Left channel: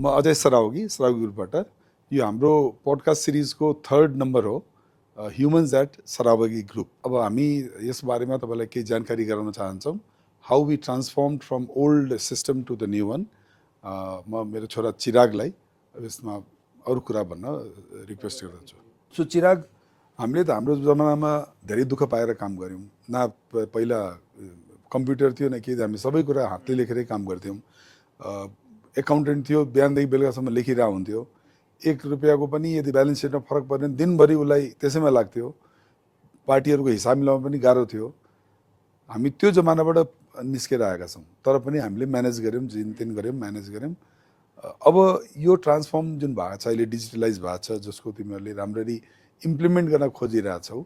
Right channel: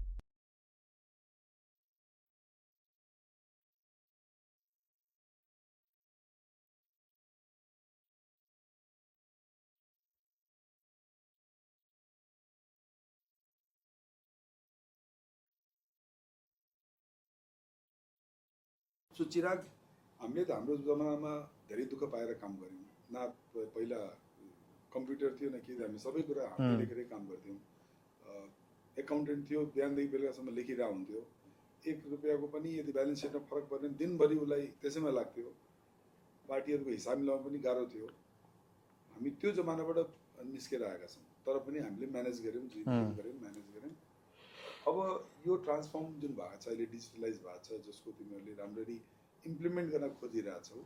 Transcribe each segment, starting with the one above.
म अजय सरावगी ग्रुपबाट यो हाम्रो पोडकास्ट सिरिजको 3rd नम्बर हो ह्युमन्स एट सरावगी ग्रुप। अब हामी यस बारेमा तपाईलाई केही जानकारी गराउन चाहन्छौँ how we transformed from old system to the new one. म मेरो छोरा चिरागलाई यसमा अरू कुरा भन्न रिक्वेस्ट गर्दछु। सो चिराग, हामीले त हाम्रो जमानामा धेरै दुःख पाएर काम गऱ्यौँ। न पहिला कम्प्युटर थियो न के, हामी सबै कुरा हातले लेखेरै काम गर्थ्यौँ। एकाउन्टेन्ट थियो, बिहानदेखि बेलुकासम्म लेखिरहेको हुन्थ्यो। 1 रुपियाँको पनि यदि ब्यालेन्स सिटमा फरक पर्ने दिनभरि उसलाई त्यसैमा लाग्थ्यो। पार्टीहरूको हिसाब मिलाउन पनि गाह्रो थियो। हामी त्यो जमानाबाट निस्केर आएका छौँ, तर पनि हामीले म्यानेज गऱ्यौँ, जिन गऱ्यौँ, म्यानेज गऱ्यौँ। अब यो ट्रान्सफर्म जुन भएको छ अहिले, डिजिटलाइज भएको छ, जसको तिमीहरूले राम्ररी इम्प्लिमेन्ट गर्न खोजिरहेछौ,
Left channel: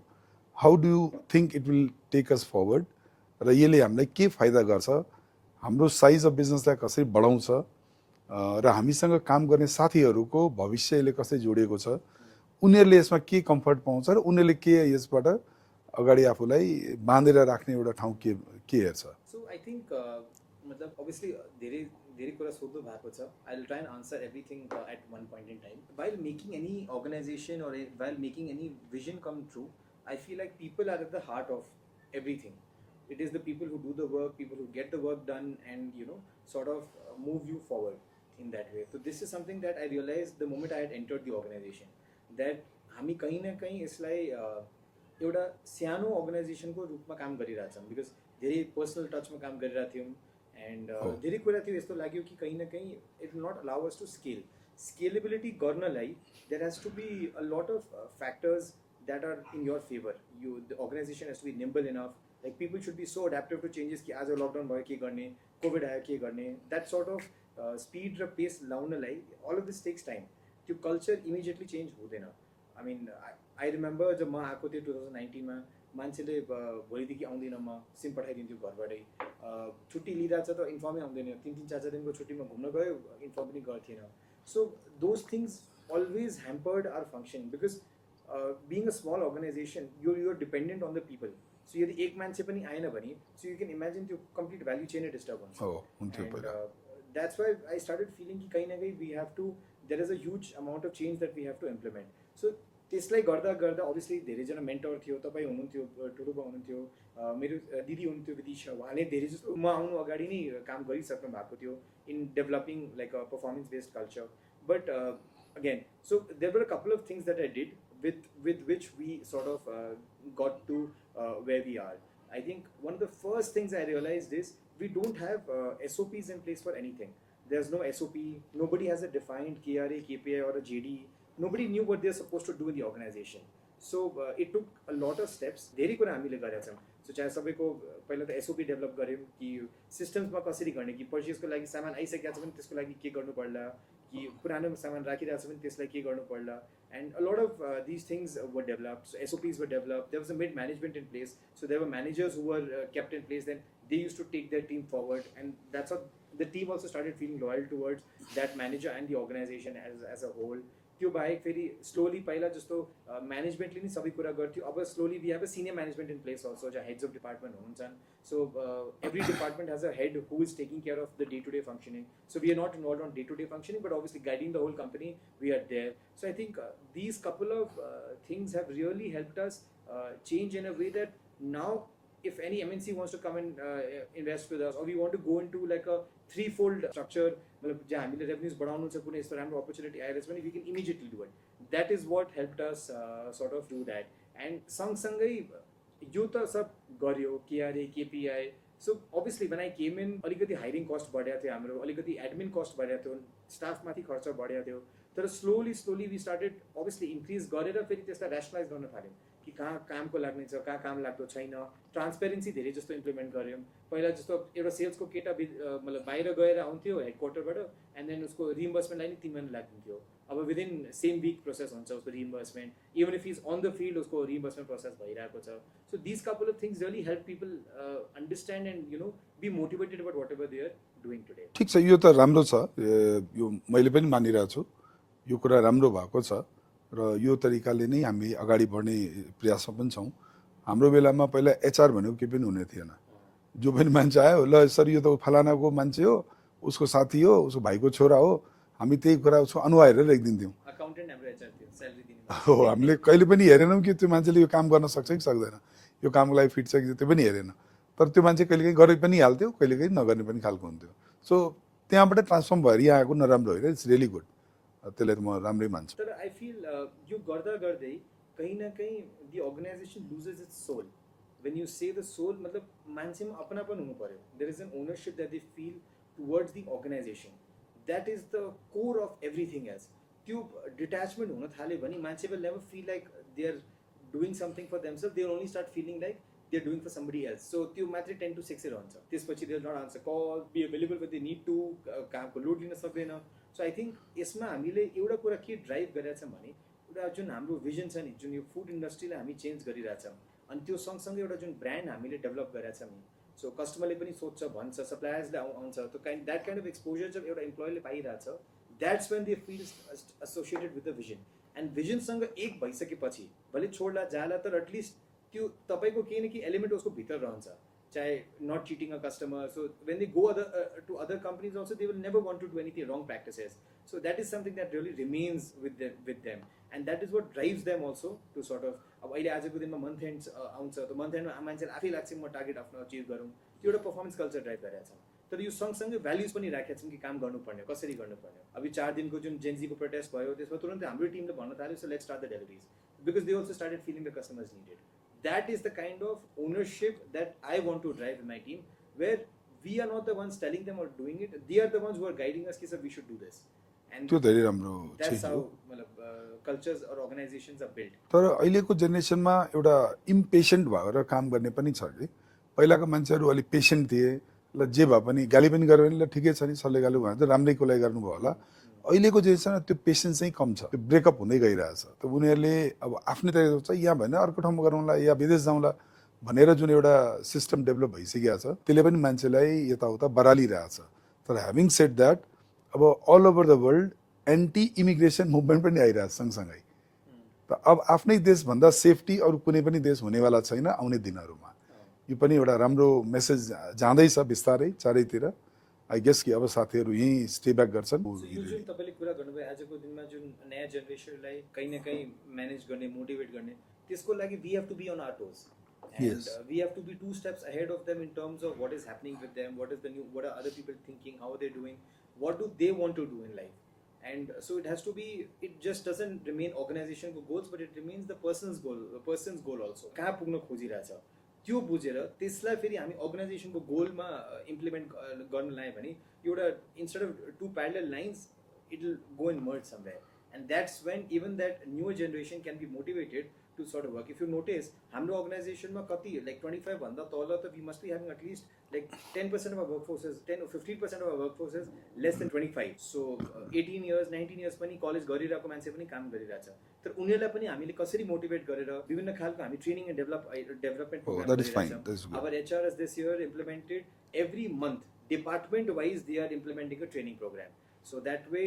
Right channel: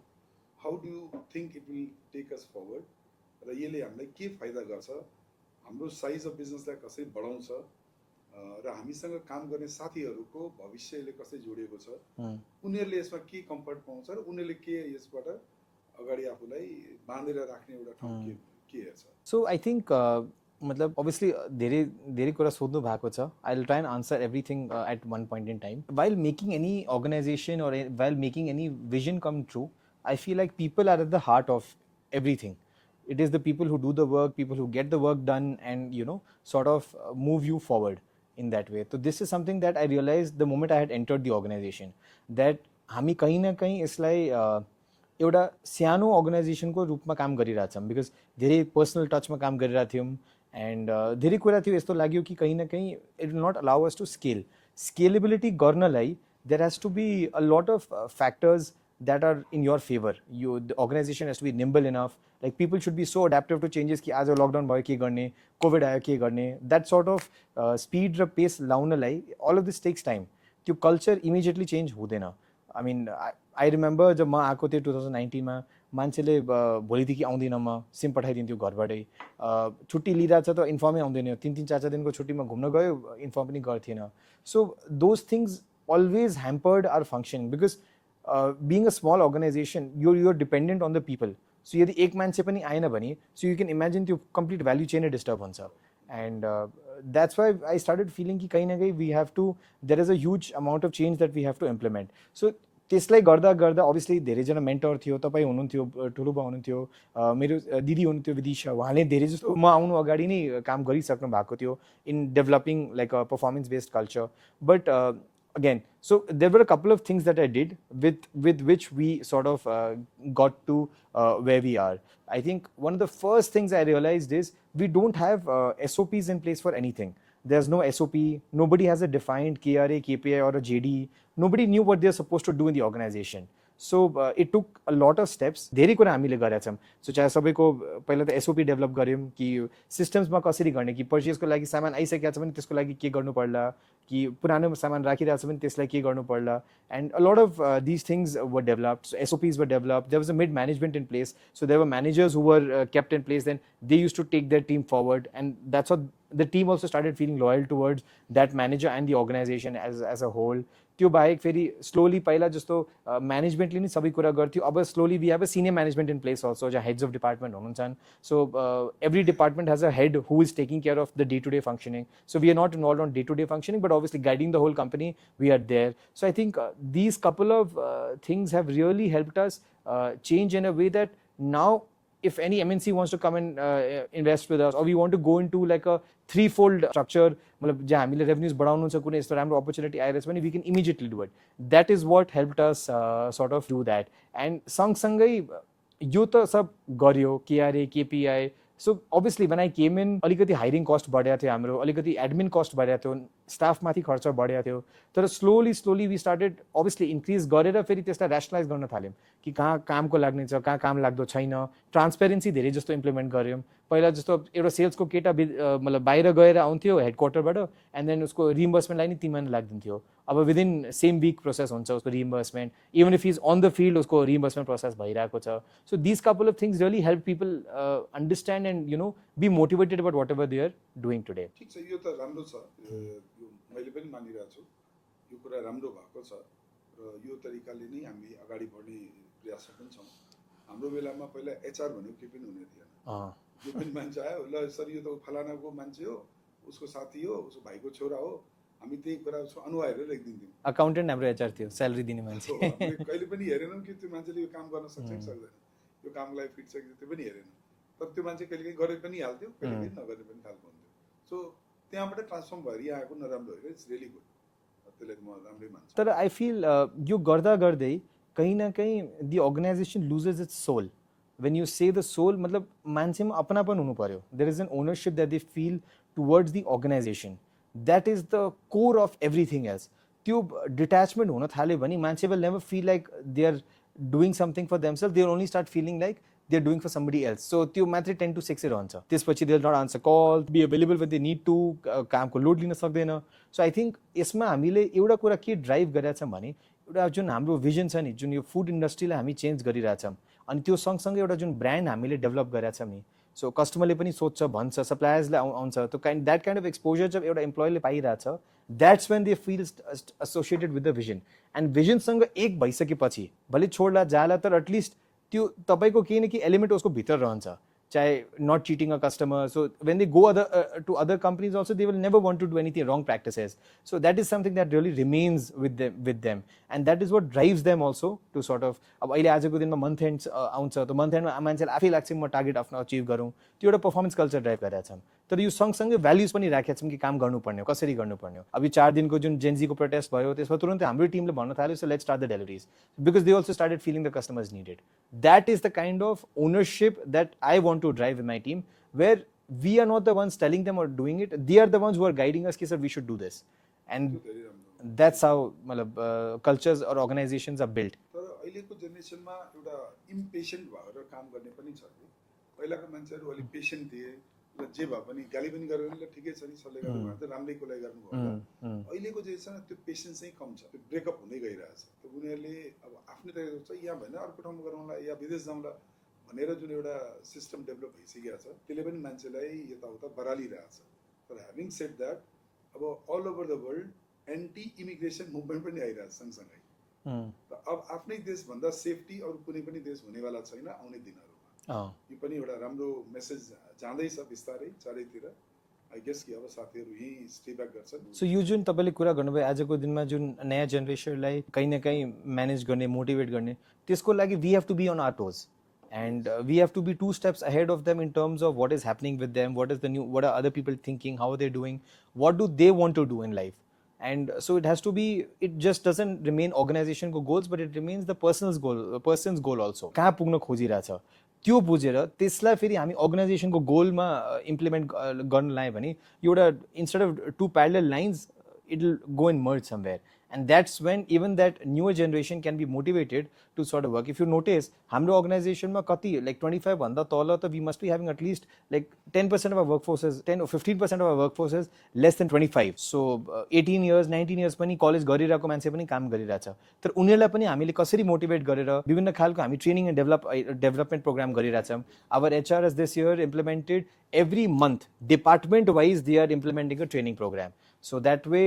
how do you think it will take us forward र यसले हामीलाई के फाइदा गर्छ, हाम्रो साइज अफ बिजनेसलाई कसरी बढाउँछ र हामीसँग काम गर्ने साथीहरूको भविष्यले कसरी जोडिएको छ, उनीहरूले यसमा के कम्फर्ट पाउँछ र उनीहरूले के यसबाट अगाडि आफूलाई बाँधेर राख्ने एउटा ठाउँ के हेर्छ। सो आई थिङ्क मतलब obviously धेरै कुरा सोध्नु भएको छ। I will try and answer everything at one point in time. While making any organization or while making any vision come true, I feel like people are at the heart of everything. It is the people who do the work, people who get the work done and sort of move you forward in that way. So this is something that I realized the moment I had entered the organization, that हामी कहीँ न कहीँ यसलाई एउटा सानो अर्गनाइजेसनको रूपमा काम गरिरहेछौँ। बिकज धेरै पर्सनल टचमा काम गरिरहेको थियौँ एन्ड धेरै कुरा थियो यस्तो लाग्यो कि कहीँ न कहीँ it will not allow us to scalability गर्नलाई there has to be a lot of factors that are in your favour. यो the organisation has to be nimble enough, like people should be so adaptive to changes कि आज lockdown भयो के गर्ने, covid आयो के गर्ने, द्याट सर्ट अफ स्पिड र पेस लाउनलाई all of this takes time. त्यो कल्चर इमिडिएटली चेन्ज हुँदैन। आई मिन आई रिमेम्बर जब म आएको थिएँ 2019मा, मान्छेले भोलिदेखि आउँदिनँ म, सिम पठाइदिन्थ्यो घरबाटै। छुट्टी लिइरहेको छ त इन्फर्मै आउँदैन, 3-3, 4-4 दिनको छुट्टीमा घुम्न गयो, इन्फर्म पनि गर्थेन। So those things always hampered our functioning because being a small organization, you're dependent on the people. So यदि एक मान्छे पनि आएन भने, so you can imagine त्यो complete value chain डिस्टर्ब हुन्छ। And that's why I started feeling कि कहीं ना कहीं we have to, there is a huge amount of change that we have to implement. So त्यसलाई गर्दा गर्दा obviously धेरैजना मेन्टर थियो, तपाईँ हुनुहुन्थ्यो, ठुलो बा हुनुहुन्थ्यो, मेरो दिदी हुनुहुन्थ्यो विदिशा, उहाँले धेरै जस्तो म आउनु अगाडि नै काम गरिसक्नु भएको थियो in developing like a performance based culture. But again, so there were a couple of things that I did with which we sort of got to where we are. I think one of the first things I realized is we don't have SOPs in place for anything. There's no SOP, nobody has a defined KRA, KPI or a JD. Nobody knew what they're supposed to do in the organization. So it took a lot of steps. धेरै कुरा हामीले गरेका छौँ। So चाहे सबैको पहिला त SOP develop गऱ्यौँ कि सिस्टम्समा कसरी गर्ने, कि पर्चेसको लागि सामान आइसकेको छ भने त्यसको लागि के गर्नु पर्ला, कि पुरानो सामान राखिरहेको छ भने त्यसलाई के गर्नु पर्ला। And a lot of this things were developed, SOPs were developed, there was a mid management in place, so there were managers who were kept in place, then they use to take their team forward and that's how the team also started feeling loyal towards that manager and the organisation as a whole. त्यो बाहेक फेरि slowly पहिला जस्तो म्यानेजमेन्टले नै सबै कुरा गर्थ्यो, अब slowly we have a senior management in place also, जहाँ हेड्स अफ डिपार्टमेन्ट हुनुहुन्छ। So every department has a head who is taking care of the day to day functioning. So we are not involve on day to day functioning, but obviously guiding the whole company, we are there. So I think these couple of things have really helped us change in a way that now if any MNC wants to come and invest with us, or we want to go into like a threefold structure, मतलब जहाँ हामीले revenues बढाउनु छ, कुनै यस्तो राम्रो opportunity आइरहेछ भने we can immediately do it. That is what helped us sort of do that. And सँगसँगै यो त सब गर्यो, KRA, KPI. So obviously when I came in, अलिकति हायरिङ कस्ट बढेको थियो हाम्रो, अलिकति एडमिन कस्ट बढेको थियो, स्टाफमाथि खर्च बढेको थियो, तर slowly we started obviously increase गरेर फेरि त्यसलाई ऱ्यासनलाइज गर्न थाल्यौँ कि कहाँ कामको लाग्ने छ, कहाँ काम लाग्दो छैन। ट्रान्सपेरेन्सी धेरै जस्तो इम्प्लिमेन्ट गऱ्यौँ। पहिला जस्तो एउटा सेल्सको केटा मतलब बाहिर गएर आउँथ्यो हेडक्वार्टरबाट, एन्ड देन उसको रिइम्बर्समेन्टलाई नि 3 महिना लाग्दिन्थ्यो। अब विदिन सेम विक प्रोसेस हुन्छ उसको reimbursement, even if is on the field उसको रिइम्बर्समेन्ट प्रोसेस भइरहेको छ। So this couple of things really help people understand and be motivated about whatever they are doing today. ठिक छ, यो त राम्रो छ, यो मैले पनि मानिरहेको छु, यो कुरा राम्रो भएको छ र यो तरिकाले नै हामी अगाडि बढ्ने प्रयासमा पनि छौँ। हाम्रो बेलामा पहिला HR भनेको केही पनि हुने थिएन। जो पनि मान्छे आयो, ल सर यो त फलानाको मान्छे हो, उसको साथी हो, उसको भाइको छोरा हो, हामी त्यही कुरा उसको अनुहार हेरेर लेखिदिन्थ्यौँ। अकाउन्टेन्ट हाम्रो एचआर थियो, स्यालेरी दिने मान्छे। हो, हामीले कहिले पनि हेरेनौँ कि त्यो मान्छेले यो काम गर्न सक्छ कि सक्दैन, यो कामको लागि फिट छ कि त्यो पनि हेरेन। तर त्यो मान्छे कहिलेकाहीँ गरे पनि हाल्थ्यो, कहिलेकाहीँ नगर्ने पनि खालको हुन्थ्यो। सो त्यहाँबाट ट्रान्सफर्म भएर यहाँ आएको नराम्रो होइन, इट्स रियली गुड। त्यसलाई त म राम्रै मान्छु। तर आई फिल यो गर्दा गर्दै कहीँ न कहीँ the organisation loses its soul. When you say the soul मतलब मान्छेमा अपनापन हुनु पर्यो। There is an ownership that they feel towards the organisation, that is the core of everything else. त्यो डिट्याचमेन्ट हुन थाल्यो भने मान्छे will never feel like they are doing something for themself, they will only start feeling like they are doing for somebody else. So त्यो मात्रै 10 to 6 रहन्छ। त्यसपछि they will not answer call, be available when they need to, कामको load लिन सक्दैन। So I think यसमा हामीले एउटा कुरा के ड्राइभ गरिरहेको छौँ भने एउटा जुन हाम्रो भिजन छ नि, जुन यो फुड इन्डस्ट्रीलाई हामी चेन्ज गरिरहेछौँ, अनि त्यो सँगसँगै एउटा जुन ब्रान्ड हामीले डेभलप गरेका छौँ नि, सो कस्टमरले पनि सोध्छ, भन्छ, सप्लायर्सले आउँछ, त्यो द्याट काइन्ड अफ एक्सपोजर जब एउटा इम्प्लोइले पाइरहेछ, that's when they feel associated with the vision. And भिजनसँग एक भइसकेपछि भले छोड्ला जाला, तर एटलिस्ट त्यो तपाईँको केही न केही एलिमेन्ट उसको भित्र रहन्छ, चाहे not cheating a customer. So when they go to other companies also, they will never want to do anything wrong practices. So that is something that really remains with them, and that is what drives them also to sort of, अब अहिले आजको दिनमा month and आउँछ, त month एन्डमा मान्छेलाई आफै लाग्छ म टार्गेट आफ्नो अचिभ गरौँ, त्यो एउटा पर्फर्मेन्स कल्चर ड्राइभ गरेका छौँ. तर यो सँगसँगै भ्याल्युज पनि राखेका छौँ कि काम गर्नुपर्ने हो, कसरी गर्नुपर्ने हो. अब यो 4 दिनको जुन जेन्जीको प्रोटेस्ट भयो, त्यसमा तुरन्तै हाम्रो टिमले भन्न थाल्यो, so let's start the deliveries, because they also started feeling the customers needed. That is the kind of ownership that I want to drive in my team, where we are not the ones telling them or doing it, they are the ones who are guiding us कि sir we should do this, and त्यो धेरै राम्रो. that's how मतलब cultures or organizations are built. तर अहिलेको जेनेरेसनमा एउटा impatient भएर काम गर्ने पनि छ कि पहिलाको मान्छेहरू अलिक पेसेन्ट थिए, ल जे भए पनि गाली पनि गर्यो भने ल ठिकै छ नि, सरले गाली भयो भने राम्रैको लागि गर्नुभयो होला. अहिलेको जेनेरेसनमा त्यो पेसेन्स चाहिँ कम छ, त्यो ब्रेकअप हुँदै गइरहेछ. त उनीहरूले अब आफ्नै तरिका सोच्छ, यहाँ भएन अर्को ठाउँमा गरौँला या विदेश जाउँला भनेर जुन एउटा सिस्टम डेभलप भइसकेको छ, त्यसले पनि मान्छेलाई यताउता बरालिरहेछ. तर ह्याभिङ सेड द्याट, अब all over the world anti immigration movement पनि आइरहेछ सँगसँगै. त अब आफ्नै देशभन्दा सेफ्टी अरू कुनै पनि देश हुनेवाला छैन आउने दिनहरूमा. यो पनि एउटा राम्रो मेसेज जाँदैछ बिस्तारै चारैतिर. आई गेस कि अब साथीहरू यहीँ स्टे ब्याक गर्छन्. सो यो जुन तपाईँले कुरा गर्नुभयो, आजको दिनमा जुन नयाँ जेनेरेसनलाई कहीँ न कहीँ म्यानेज गर्ने, मोटिभेट गर्ने, त्यसको लागि we have to be on our toes. And we have to be 2 steps ahead of them in terms of what is happening with them, what are other people thinking, how are they doing, what do they want to do in life. And so it has to be, it just doesn't remain organization ko goals, but it remains the person's goal also. कहाँ पुग्न खोजिरहेछ त्यो बुझेर त्यसलाई फेरि हामी अर्गनाइजेसनको गोलमा implement गर्न लायो भने एउटा instead of 2 parallel lines, it will go and merge somewhere. And that's when even that newer generation can be motivated to sort of work. If you notice, हाम्रो organizationमा कति like 25 भन्दा तल त we must be having at least like 10% of our workforce is 10 or 15% of our workforce is less than 25. So 18 years 19 years पनि college गरिरहेको मान्छे पनि काम गरिरहेछ. तर उनीहरूलाई पनि हामीले कसरी मोटिभेट गरेर विभिन्न खालको हामी ट्रेनिङ एन्ड डेभलपमेन्ट प्रोग्राम गरिरहेछौँ. Our HR has this year implemented every month department wise they are implementing a training program. So that way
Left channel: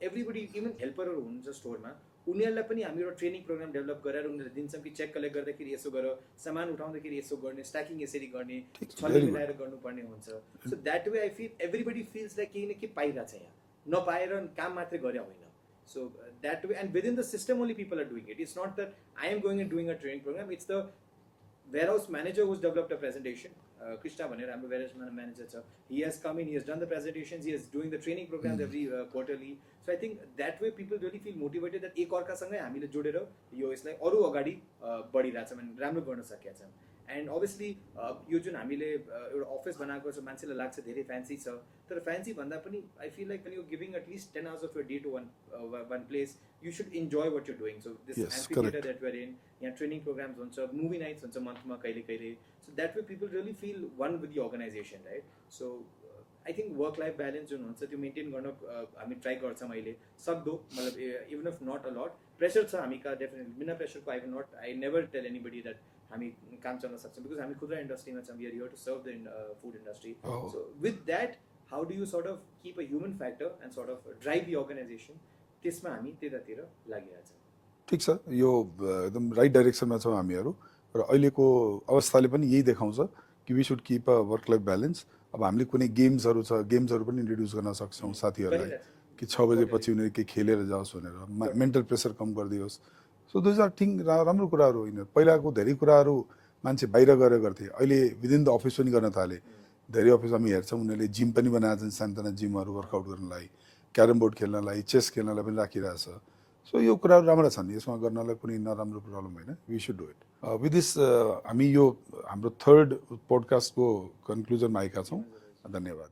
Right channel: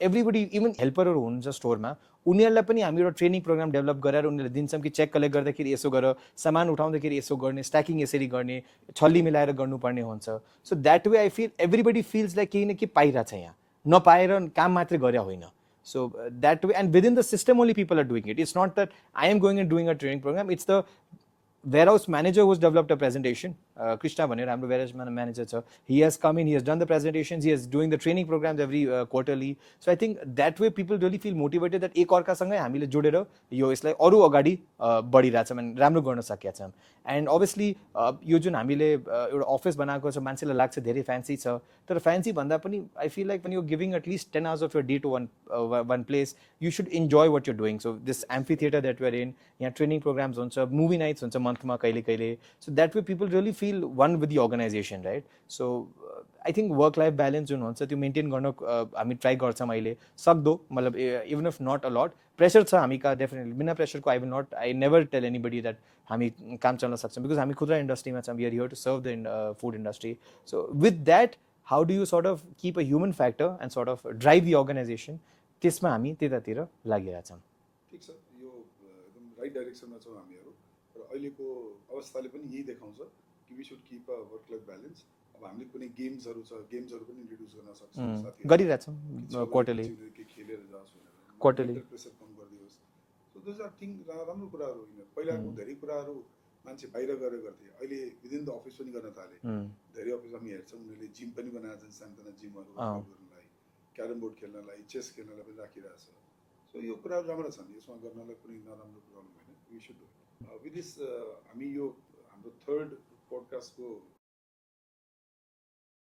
everybody, even हेल्परहरू हुनुहुन्छ स्टोरमा, उनीहरूलाई पनि हामी एउटा ट्रेनिङ प्रोग्राम डेभलप गरेर उनीहरूले दिन्छौँ कि चेक कलेक्ट गर्दाखेरि यसो गर, सामान उठाउँदाखेरि यसो गर्ने, स्ट्याकिङ यसरी गर्ने, छल्ली मिलाएर गर्नुपर्ने हुन्छ. So that way I feel everybody feels like केही न केही पाइरहेछ, यहाँ नपाएर काम मात्रै गरे होइन. So that way, and within the system only people are doing it. It's not that I am going and doing a training program. It's the warehouse manager who's developed a presentation. Krishna Bhaner, I'm the warehouse manager. He has come in, he has done the presentations, he is doing the training programs every quarterly. So I think that way people really feel motivated that एक अर्कासँगै हामीले जोडेर यो यसलाई अरू अगाडि बढिरहेछौँ अनि राम्रो गर्न सकेका छौँ. एन्ड अभियसली यो जुन हामीले एउटा अफिस बनाएको छ, मान्छेलाई लाग्छ धेरै फ्यान्सी छ, तर फ्यान्सी भन्दा पनि I feel like when you're giving at least 10 hours of your day to one place, you should enjoy what you're doing. So this amphitheater that we're in, यहाँ ट्रेनिङ प्रोग्राम्स हुन्छ, movie nights हुन्छ मन्थमा कहिले कहिले. So that way people really feel one with the organization, right? So I think work life balance जुन हुन्छ त्यो maintain गर्न हामी ट्राई गर्छौँ अहिले सक्दो, मतलब even if not a lot pressure छ हामी कहाँ डेफिनेटली. बिना प्रेसरको I never tell anybody that हामी काम चल्न सक्छौँ, बिकज हामी खुद्रा इन्डस्ट्रीमा छौँ, we are here to serve the food industry. So with that how do you sort of keep a human factor and sort of drive the organisation, त्यसमा हामी त्यतातिर लागिरहेछौँ. ठिक छ, यो एकदम राइट डाइरेक्सनमा छौँ हामीहरू. र अहिलेको अवस्थाले पनि यही देखाउँछ कि we should keep a work life balance. अब हामीले कुनै गेम्सहरू छ गेम्सहरू पनि इन्ट्रोड्युस गर्न सक्छौँ साथीहरूलाई गरिरहेछौँ कि 6 बजेपछि उनीहरू केही खेलेर जाओस् भनेर मेन्टल प्रेसर कम गरिदियोस् सो दोज आर थिङ राम्रो कुराहरू होइन पहिलाको धेरै कुराहरू मान्छे बाहिर गएर गर्थे अहिले विदिन द अफिस पनि गर्न थाले धेरै अफिस हामी हेर्छौँ उनीहरूले जिम पनि बनाएको छन् सानसाना जिमहरू वर्कआउट गर्नलाई क्यारम बोर्ड खेल्नलाई चेस खेल्नलाई पनि राखिरहेछ सो यो कुराहरू राम्रा छन् यसमा गर्नलाई कुनै नराम्रो प्रब्लम होइन we should do it with this हामी यो हाम्रो थर्ड पोडकास्टको कन्क्लुजनमा आएका छौँ धन्यवाद